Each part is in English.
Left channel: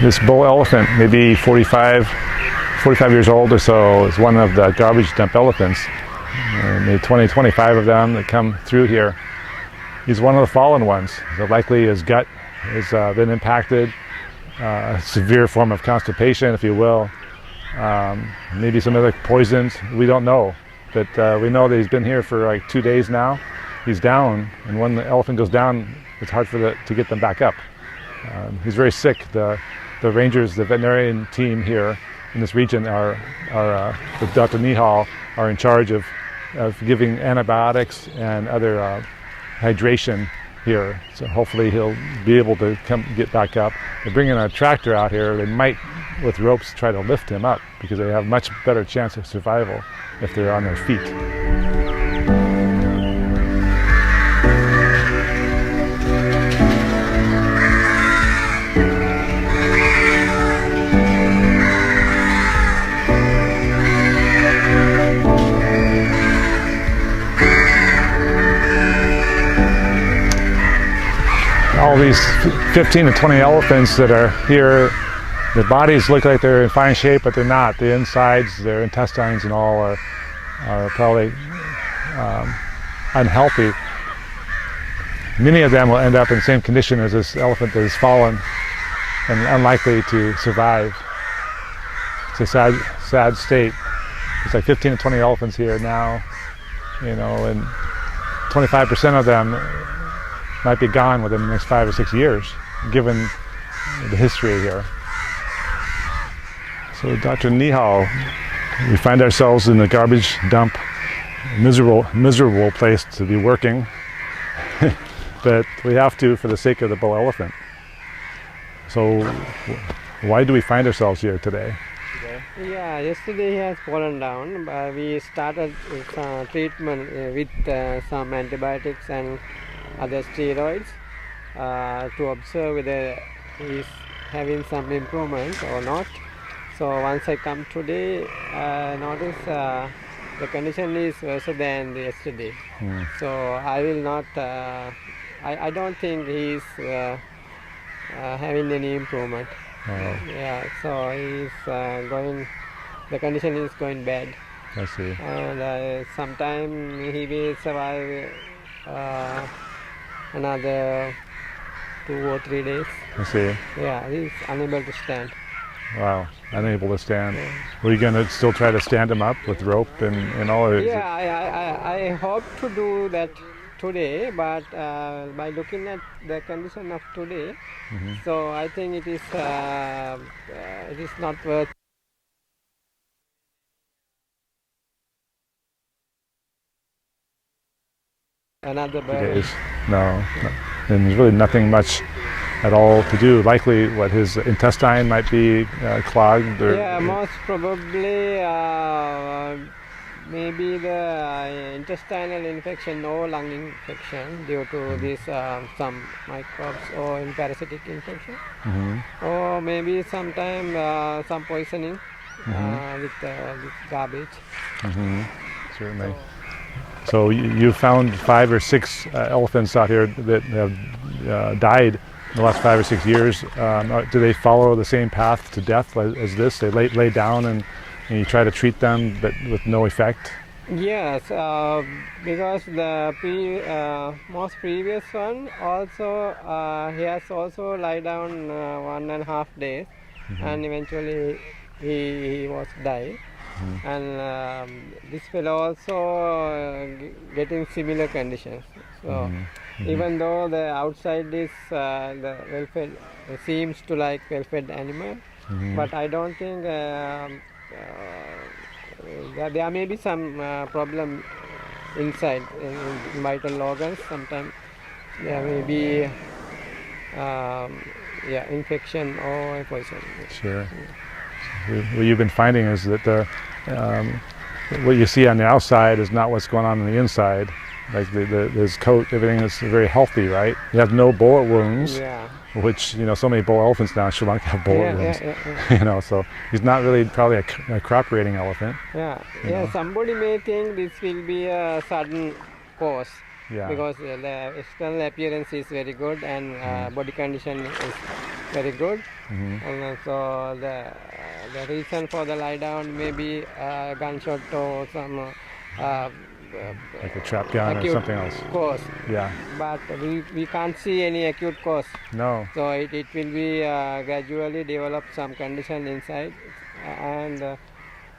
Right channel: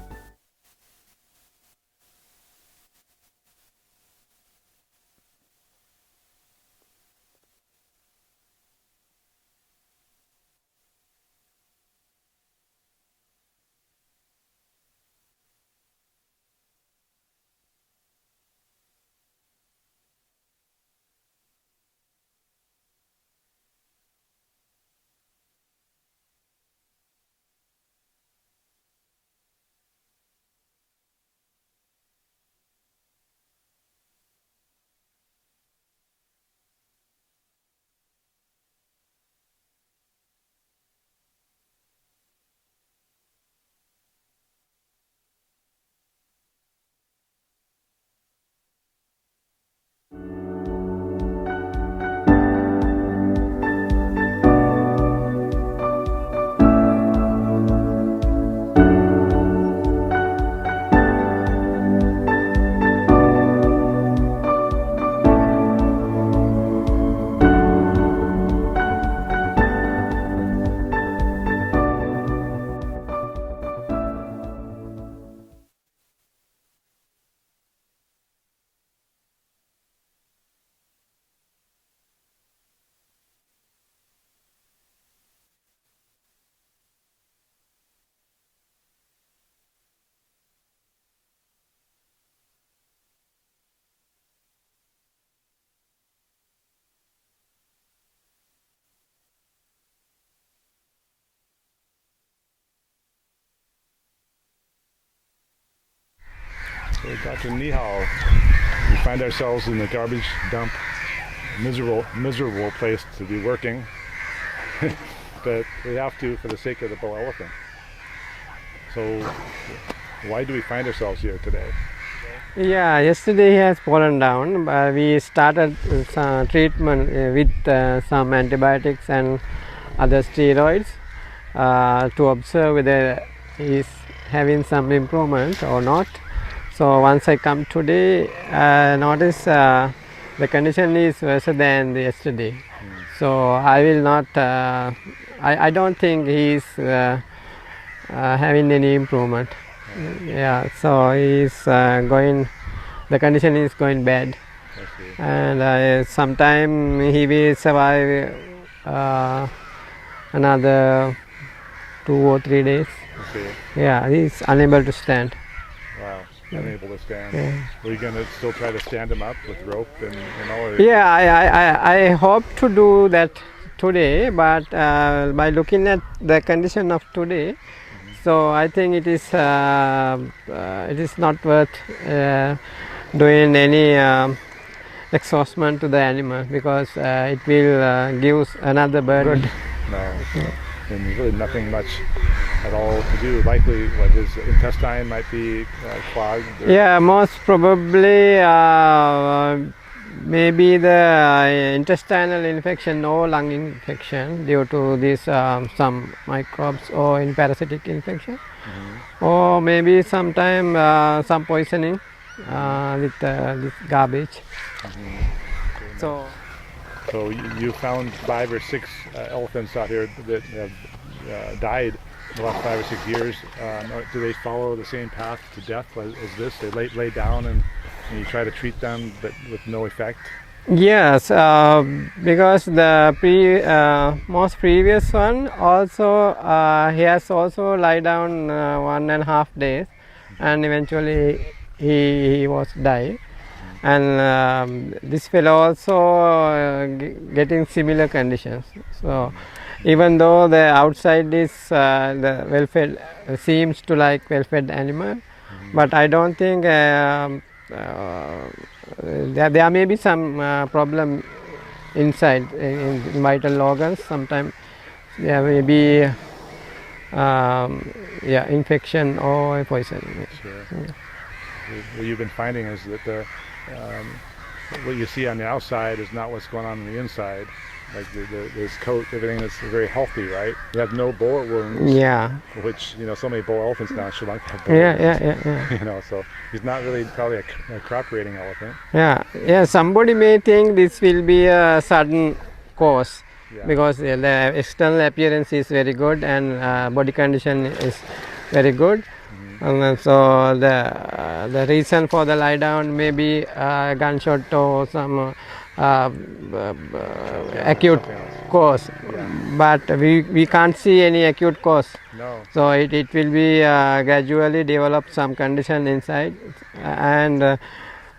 this bull elephant, maybe 45 years old or so, is one of the garbage dump elephants. Maybe 20, 25 of them that come through here. He's one of the fallen ones. So likely his gut has been impacted, a severe form of constipation, if you will. Maybe some other poisons, we don't know. But we know that he's been here for like 2 days now. He's down, and when the elephant goes down, it's hard to get them back up. He's very sick. The rangers, the veterinarian team here in this region with Dr. Nihal, are in charge of giving antibiotics and other hydration here. So hopefully he'll be able to get back up. They're bringing a tractor out here. They might, with ropes, try to lift him up because they have much better chance of survival if they're on their feet. All these 15 to 20 elephants that are here, their bodies look like they're in fine shape, but they're not. The insides, their intestines and all are probably unhealthy. Many of them will end up in the same condition as this elephant that has fallen and unlikely to survive. It's a sad state. There's like 15 to 20 elephants here now, and 25% of them might be gone within the next 5 or 6 years, given the history here. So Dr. Nihal, we find ourselves in the garbage dump, miserable place to be working, but we have to for the sake of the bull elephant. So why do we find ourselves here today? Yeah, yesterday he has fallen down, but we started some treatment with some antibiotics and other steroids to observe whether he's having some improvement or not. So once I come today, I notice the condition is worse than yesterday. So I will not, I don't think he's having any improvement. Yeah, so he's the condition is going bad. I see. And sometime he will survive another 2 or 3 days. I see. Yeah, he's unable to stand. Wow, unable to stand. Yeah. Were you going to still try to stand him up with rope and all? Or Yeah, I hope to do that today, but by looking at the condition of today, so I think it is not worth doing any exhaustion to the animal, because it will give another burden. No, and there's really nothing much at all to do. Likely, his intestine might be clogged. Yeah, most probably maybe the intestinal infection or lung infection due to this some microbes or in parasitic infection, or maybe sometime some poisoning with this garbage. So you found 5 or 6 elephants out here that have died in the last 5 or 6 years. Do they follow the same path to death as this? They lay down and you try to treat them, but with no effect? Yes, because the most previous one also he has also lie down 1.5 days, and eventually he was died. And this fellow also getting similar conditions. So even though the outside is the well-fed, seems to like well-fed animal, but I don't think there may be some problem inside in vital organs. Sometimes there may be infection or poison. Sure. What you've been finding is that what you see on the outside is not what's going on the inside. Like his coat, everything is very healthy, right? You have no bullet wounds. Yeah. Which, so many bull elephants now in Sri Lanka have bullet wounds. Yeah. So he's not really probably a crop-raiding elephant. Yeah. Somebody may think this will be a sudden cause, because the external appearance is very good and body condition is very good. And then so the reason for the lie down may be gunshot or some trap gun or acute something else. cause. Yeah. But we can't see any acute cause. No. So it will be gradually develop some condition inside, and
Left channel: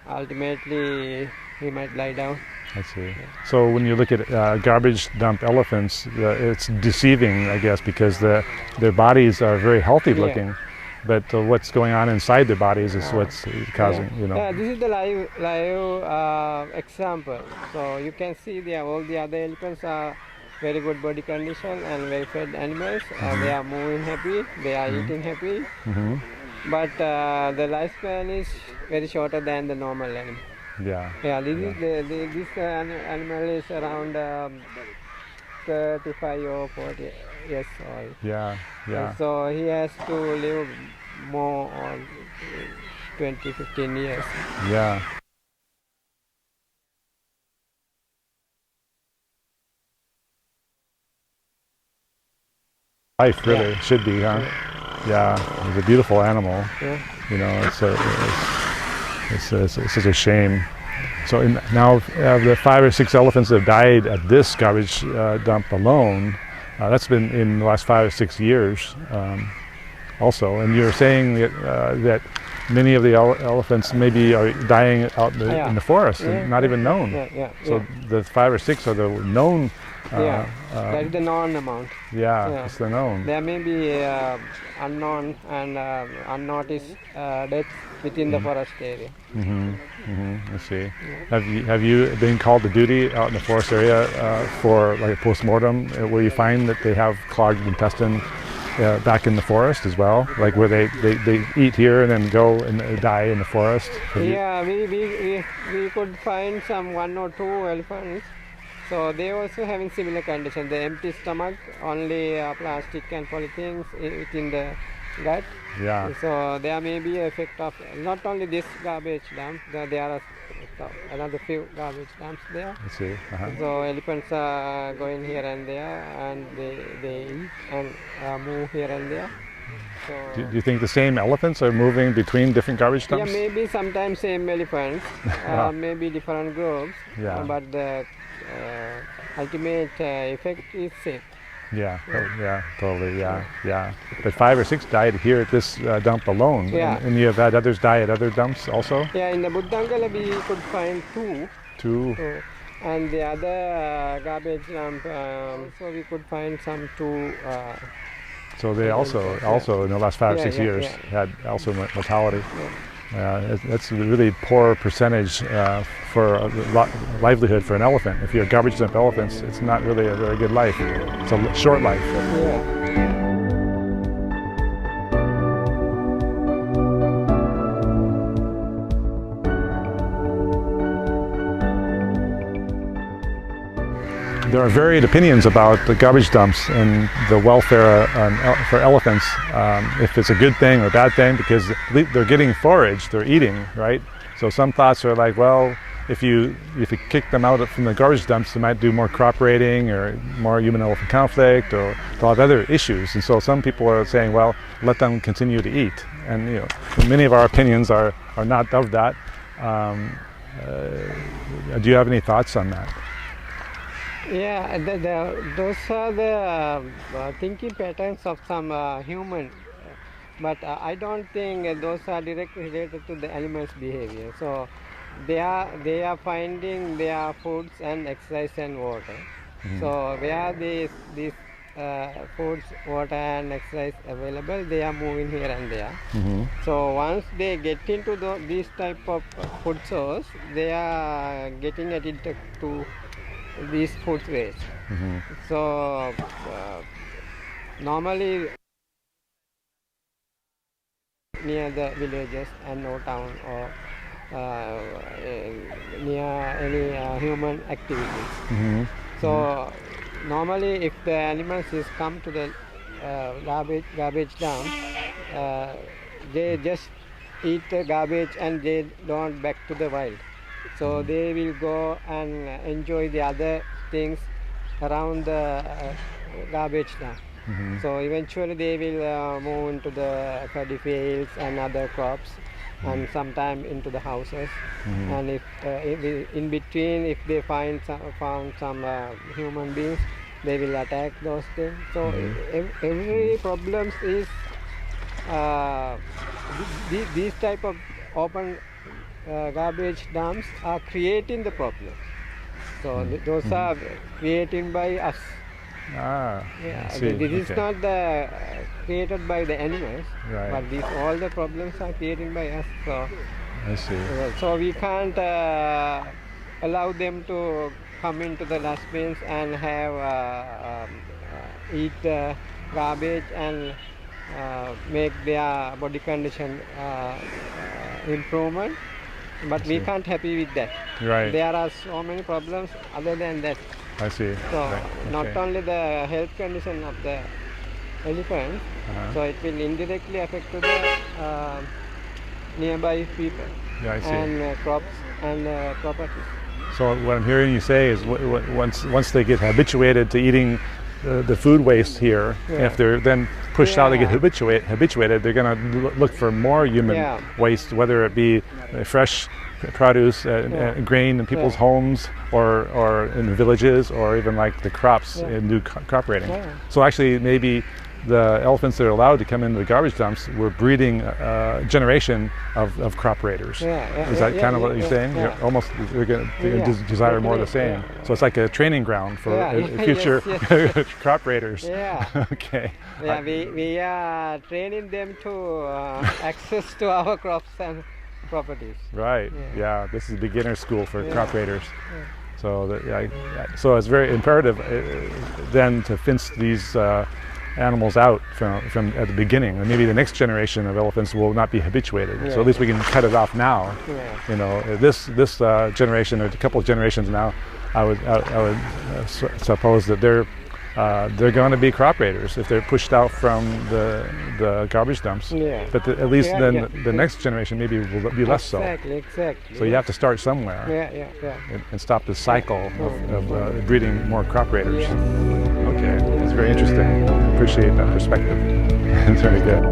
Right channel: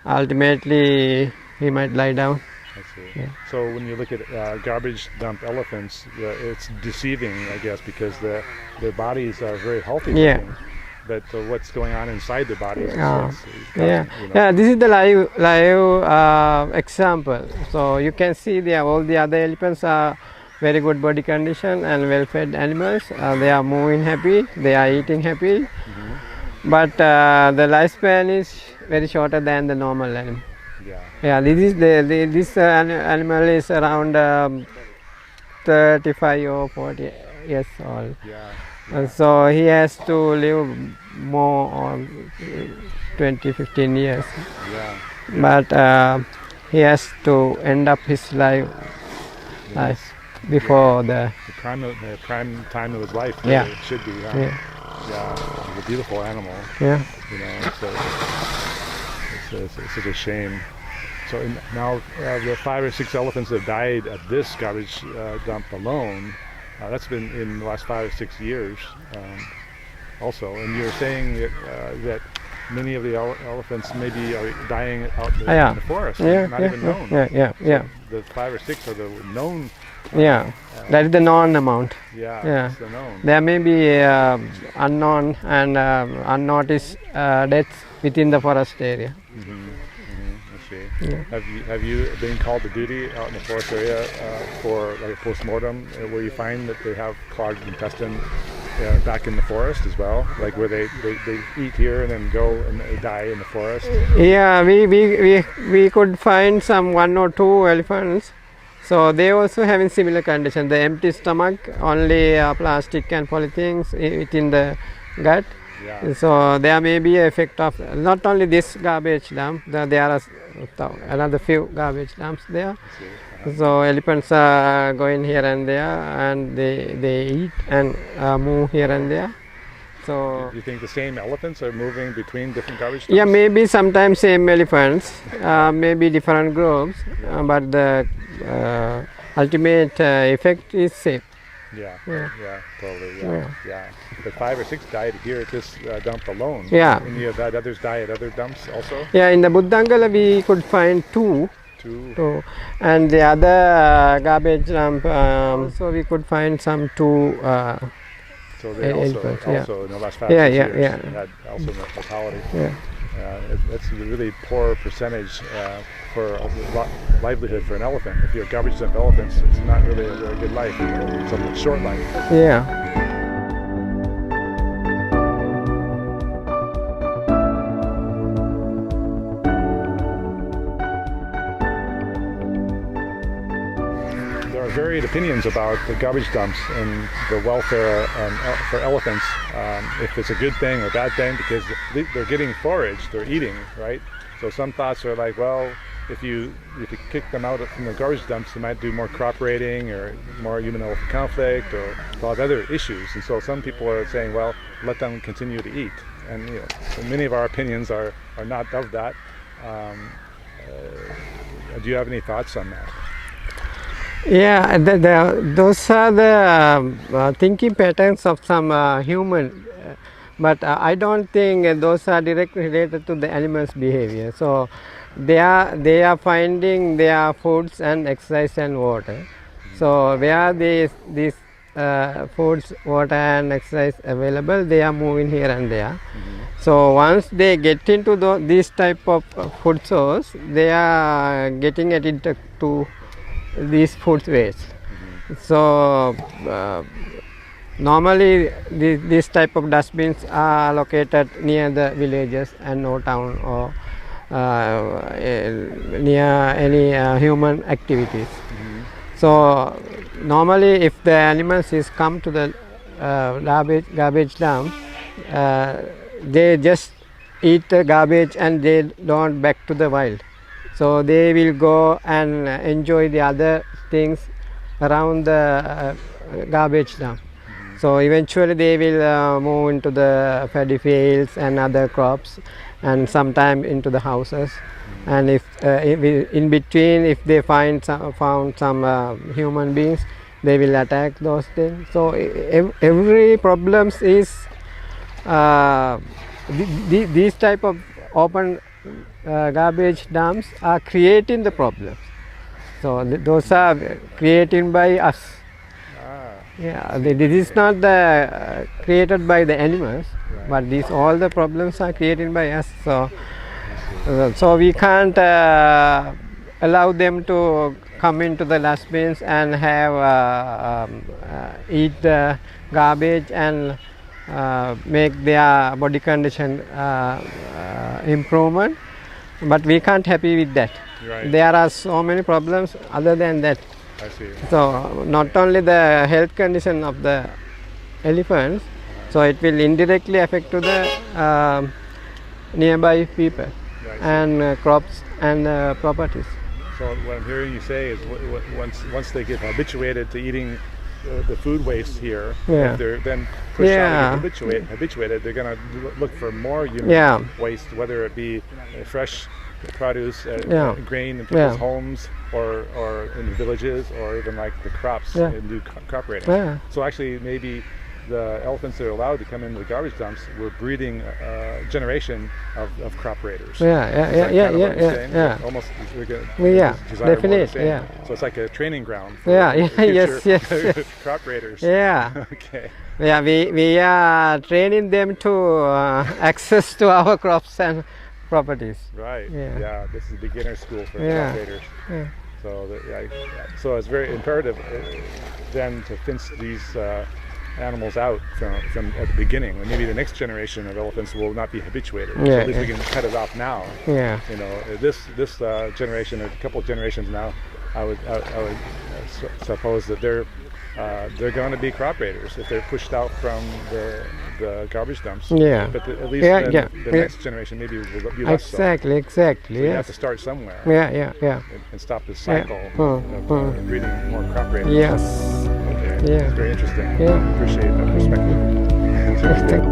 ultimately he might lie down. I see. So when you look at garbage dump elephants, it's deceiving, I guess, because their bodies are very healthy looking, but what's going on inside their bodies is what's causing. Yeah, this is the live example. So you can see all the other elephants are very good body condition and well-fed animals. They are moving happy, they are eating happy, but the lifespan is very shorter than the normal animal. Yeah, this animal is around 35 or 40 years old. And so he has to live more on 15 years. But he has to end up his life before the prime time of his life. Really should be. Yeah, he's a beautiful animal. It's such a shame. So now the 5 or 6 elephants that have died at this garbage dump alone, that's been in the last 5 or 6 years also. And you're saying that many of the elephants maybe are dying out in the forest, not even known. So the 5 or 6 are the known. That is the known amount. That's the known. There may be unknown and unnoticed deaths within the forest area. I see. Have you been called to duty out in the forest area for like a post-mortem where you find that they have clogged intestine back in the forest as well, like where they eat here and then go and die in the forest? Yeah, we could find some 1 or 2 elephants. So they also having similar condition. The empty stomach, only plastic and polythenes within the gut. So there may be an effect of not only this garbage dump, there are another few garbage dumps there. So elephants are going here and there, and they eat and move here and there. So do you think the same elephants are moving between different garbage dumps? Yeah, maybe sometimes same elephants, maybe different groups, but the ultimate effect is same. Totally. But 5 or 6 died here at this dump alone. And you have had others die at other dumps also? In the Buddhangala we could find 2. And the other garbage dump, so we could find some 2. So they also in the last 5 or 6 years had also mortality. That's a really poor percentage for a livelihood for an elephant. If you're garbage dump elephants, it's not really a very good life. It's a short life. There are varied opinions about the garbage dumps and the welfare for elephants. If it's a good thing or a bad thing, because they're getting forage, they're eating, right? So some thoughts are like, well, if you kick them out from the garbage dumps, they might do more crop raiding or more human-elephant conflict or a lot of other issues. And so some people are saying, well, let them continue to eat. And many of our opinions are not of that. Do you have any thoughts on that? Those are the thinking patterns of some human, but I don't think those are directly related to the animal's behavior. So they are finding their foods and exercise and water. So where these foods, water and exercise available, they are moving here and there. So once they get into these type of food source, they are getting addicted to these food waste. So normally these type of dustbins are located near the villages and no town or near any human activities. So normally if the animals is come to the garbage dump, they just eat the garbage and they don't back to the wild. So they will go and enjoy the other things around the garbage dump. So eventually they will move into the paddy fields and other crops, and sometime into the houses. And if in between, if they found some human beings, they will attack those things. So every problems is these type of open garbage dumps are creating the problems. So those are created by us. Yeah, this is not created by the animals, but these all the problems are created by us. So so we can't allow them to come into the dustbins and have eat the garbage and make their body condition improvement. But we can't happy with that. There are so many problems other than that. I see. So not only the health condition of the elephants, so it will indirectly affect to the nearby people and crops and properties. So what I'm hearing you say is once they get habituated to eating the food waste here, if they're then pushed out and get habituated, they're going to look for more human waste, whether it be fresh produce, grain in people's homes, or in the villages, or even like the crops in new crop raiding. So actually, maybe the elephants that are allowed to come into the garbage dumps were breeding a generation of crop raiders. Is that kind of what you're saying? Almost, they're going to desire more of the same. So it's like a training ground for future crop raiders. Okay. Yeah, we are training them to access to our crops and properties. Right. Yeah. This is beginner school for crop raiders. So so it's very imperative then to fence these animals out from at the beginning, and maybe the next generation of elephants will not be habituated. So at least we can cut it off now. You know, this generation or a couple of generations now, I would suppose that they're going to be crop raiders if they're pushed out from the garbage dumps. But at least then the next generation maybe will be less so. Exactly. So you have to start somewhere. And stop this cycle of breeding more crop raiders. Okay. It's very interesting. I appreciate that perspective. It's very good.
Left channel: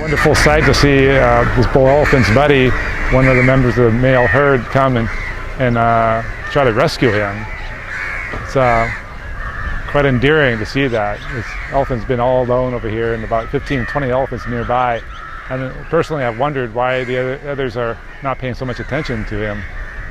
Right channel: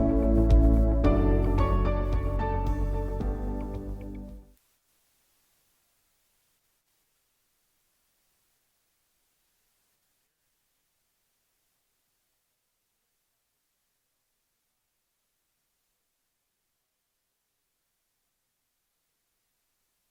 Wonderful sight to see this bull elephant's buddy, one of the members of the male herd, come and try to rescue him. It's quite endearing to see that. This elephant's been all alone over here, and about 15, 20 elephants nearby. And personally, I've wondered why the others are not paying so much attention to him.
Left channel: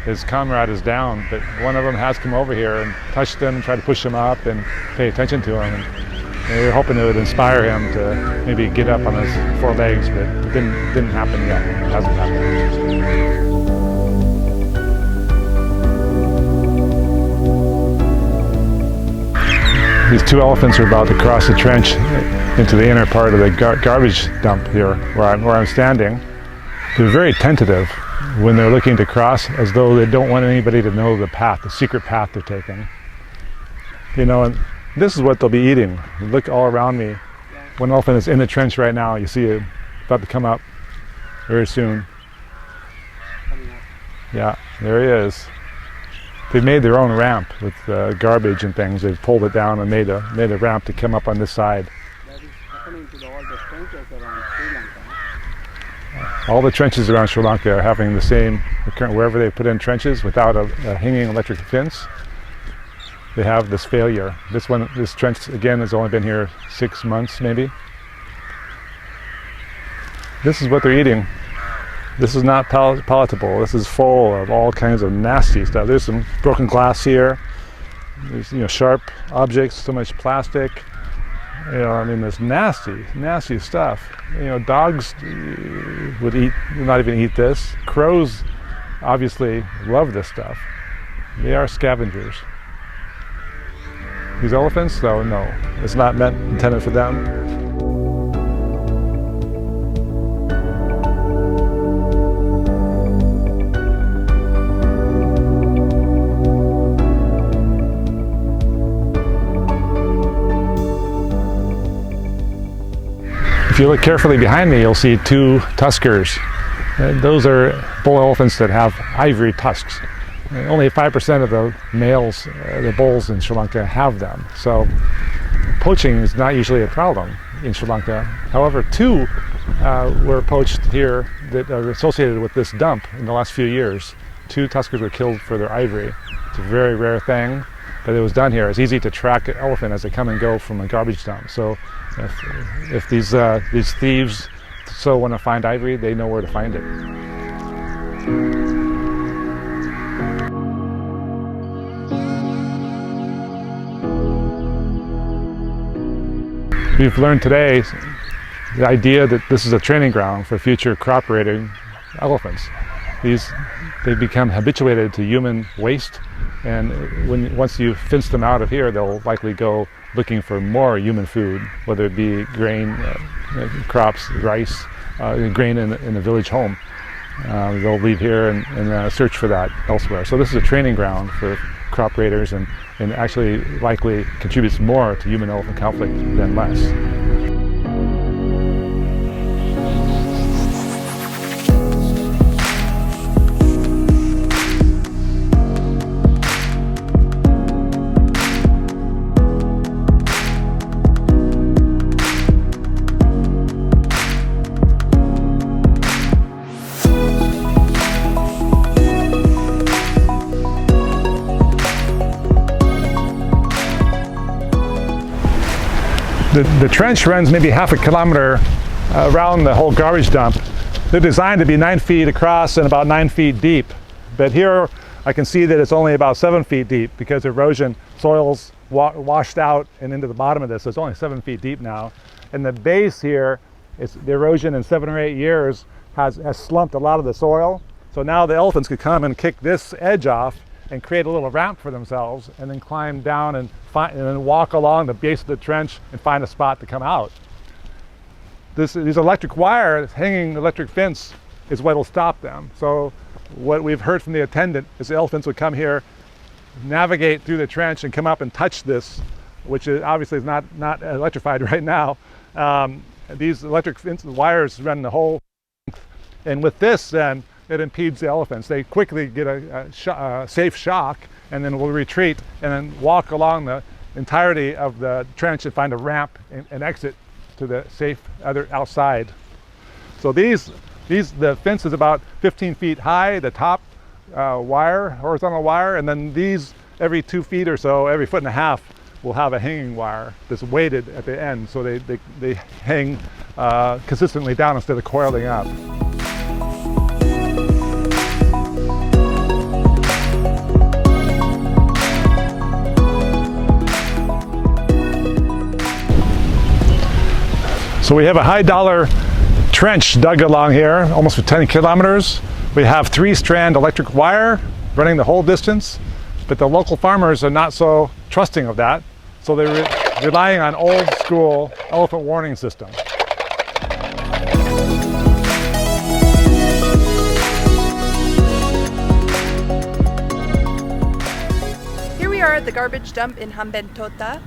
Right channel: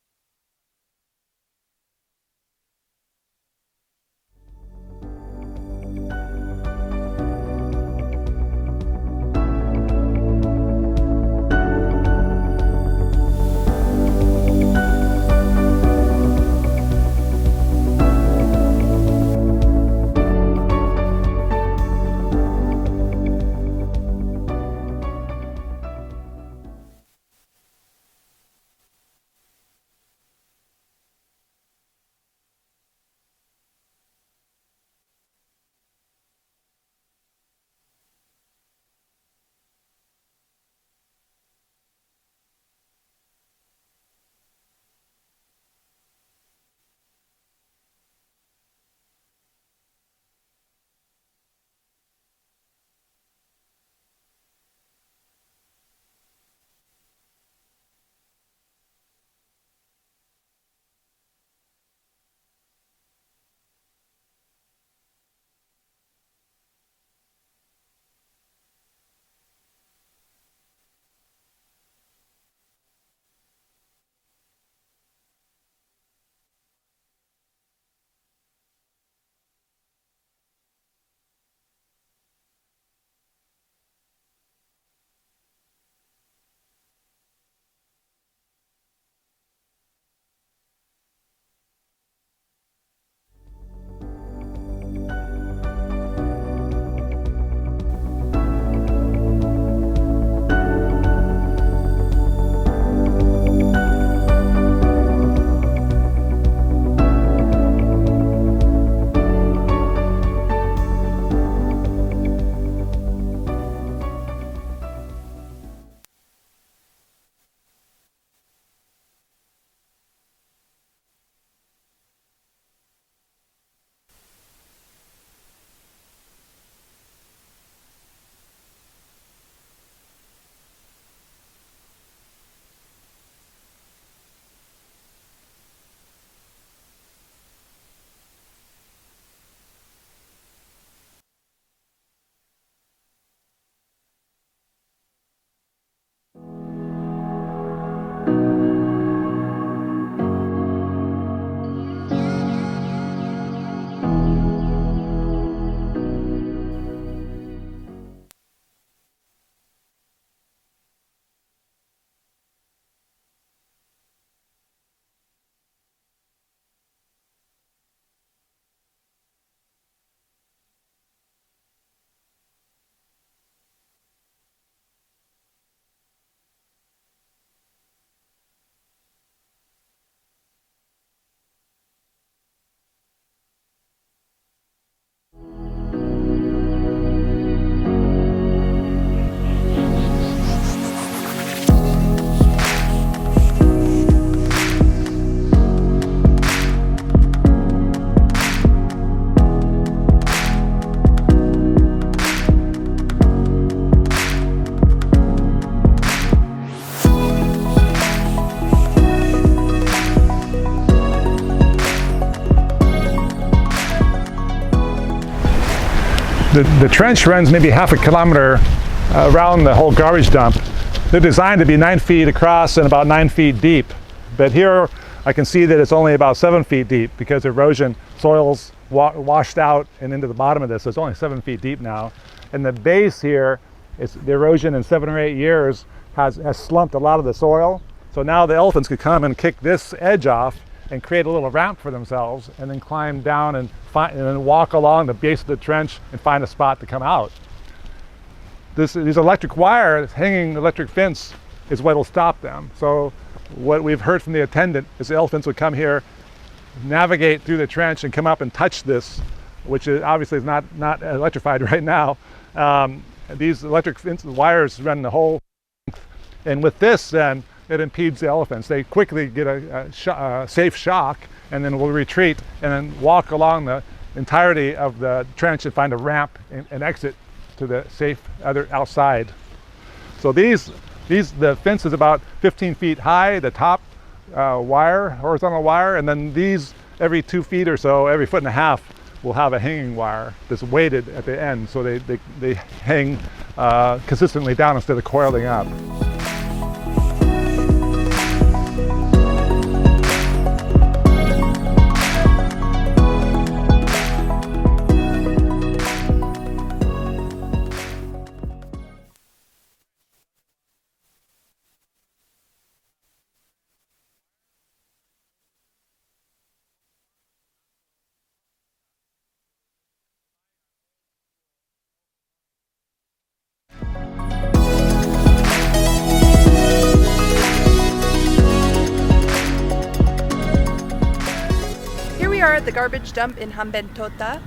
His comrade is down, but one of them has come over here and touched him and tried to push him up and pay attention to him. And we were hoping it would inspire him to maybe get up on his four legs, but it didn't happen yet. It hasn't happened. These two elephants are about to cross the trench into the inner part of the garbage dump here, where I'm standing. They're very tentative when they're looking to cross, as though they don't want anybody to know the path, the secret path they're taking. You know, and this is what they'll be eating. Look all around me. One elephant is in the trench right now. You see it about to come up very soon. Yeah, there he is. They've made their own ramp with garbage and things. They've pulled it down and made a ramp to come up on this side. That is happening to all the trenches around Sri Lanka. All the trenches around Sri Lanka are having the same, wherever they put in trenches without a hanging electric fence, they have this failure. This trench again has only been here 6 months maybe. This is what they're eating. This is not palatable. This is full of all kinds of nasty stuff. There's some broken glass here. There's sharp objects, so much plastic. I mean, this nasty stuff. Dogs would not even eat this. Crows obviously love this stuff. They are scavengers. These elephants, though, no. It's not intended for them. If you look carefully behind me, you'll see two tuskers. Those are bull elephants that have ivory tusks. Only 5% of the males, the bulls in Sri Lanka, have them. So poaching is not usually a problem in Sri Lanka. However, two were poached here that are associated with this dump in the last few years. Two tuskers were killed for their ivory. It's a very rare thing, but it was done here. It's easy to track an elephant as they come and go from a garbage dump. So if these thieves so want to find ivory, they know where to find it. We've learned today the idea that this is a training ground for future crop raiding elephants. They become habituated to human waste, and once you fence them out of here, they'll likely go looking for more human food, whether it be grain, crops, rice, grain in a village home. They'll leave here and search for that elsewhere. So this is a training ground for crop raiders, and actually likely contributes more to human-elephant conflict than less. The trench runs maybe half a kilometer around the whole garbage dump. They're designed to be 9 feet across and about 9 feet deep. But here I can see that it's only about 7 feet deep because erosion, soils washed out and into the bottom of this. So it's only 7 feet deep now. And the base here, the erosion in 7 or 8 years has slumped a lot of the soil. So now the elephants could come and kick this edge off and create a little ramp for themselves, and then climb down and then walk along the base of the trench and find a spot to come out. These electric wire, hanging electric fence, is what will stop them. So what we've heard from the attendant is the elephants would come here, navigate through the trench and come up and touch this, which obviously is not electrified right now. These electric fence wires run the whole length, and with this then, it impedes the elephants. They quickly get a safe shock and then will retreat and then walk along the entirety of the trench and find a ramp and exit to the safe other outside. So the fence is about 15 feet high, the top horizontal wire, and then these every 2 feet or so, every foot and a half, will have a hanging wire that's weighted at the end, so they hang consistently down instead of coiling up. So we have a high dollar trench dug along here, almost for 10 kilometers. We have 3-strand electric wire running the whole distance, but the local farmers are not so trusting of that. So they're relying on old school elephant warning system. Here we are at the garbage dump in Hambantota,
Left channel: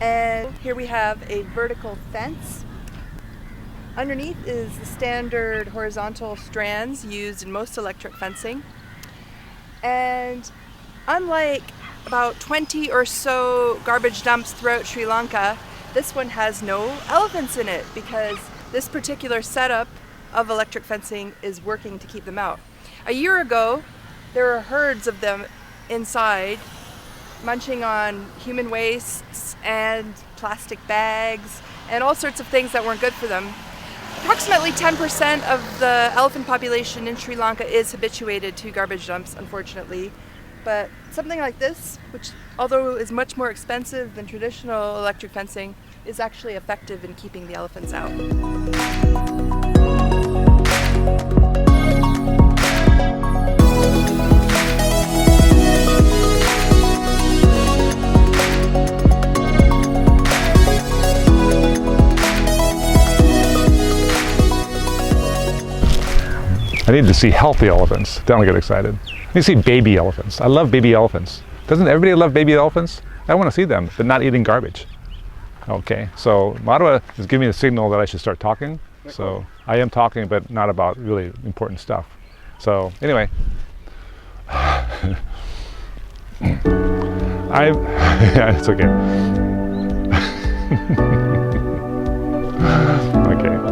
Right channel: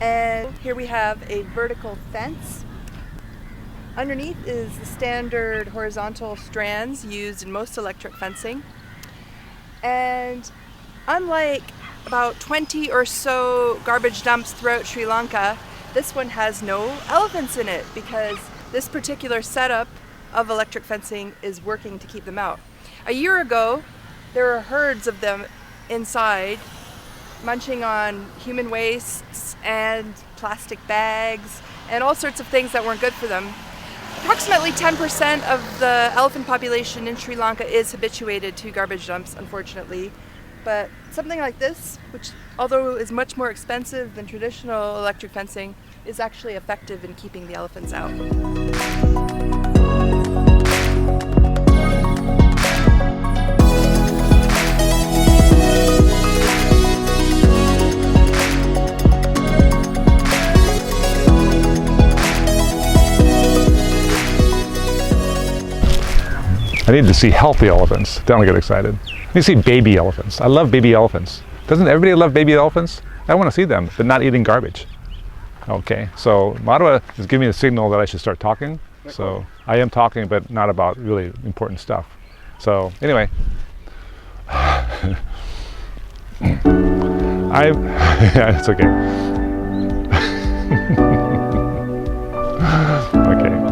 and here we have a vertical fence. Underneath is the standard horizontal strands used in most electric fencing. And unlike about 20 or so garbage dumps throughout Sri Lanka, this one has no elephants in it because this particular setup of electric fencing is working to keep them out. A year ago, there were herds of them inside, munching on human wastes and plastic bags and all sorts of things that weren't good for them. Approximately 10% of the elephant population in Sri Lanka is habituated to garbage dumps, unfortunately. But something like this, which although is much more expensive than traditional electric fencing, is actually effective in keeping the elephants out. I need to see healthy elephants, then I'll get excited. I need to see baby elephants. I love baby elephants. Doesn't everybody love baby elephants? I want to see them, but not eating garbage. Okay, so Marwa is giving me a signal that I should start talking. So I am talking, but not about really important stuff. So anyway, yeah, it's okay. Okay.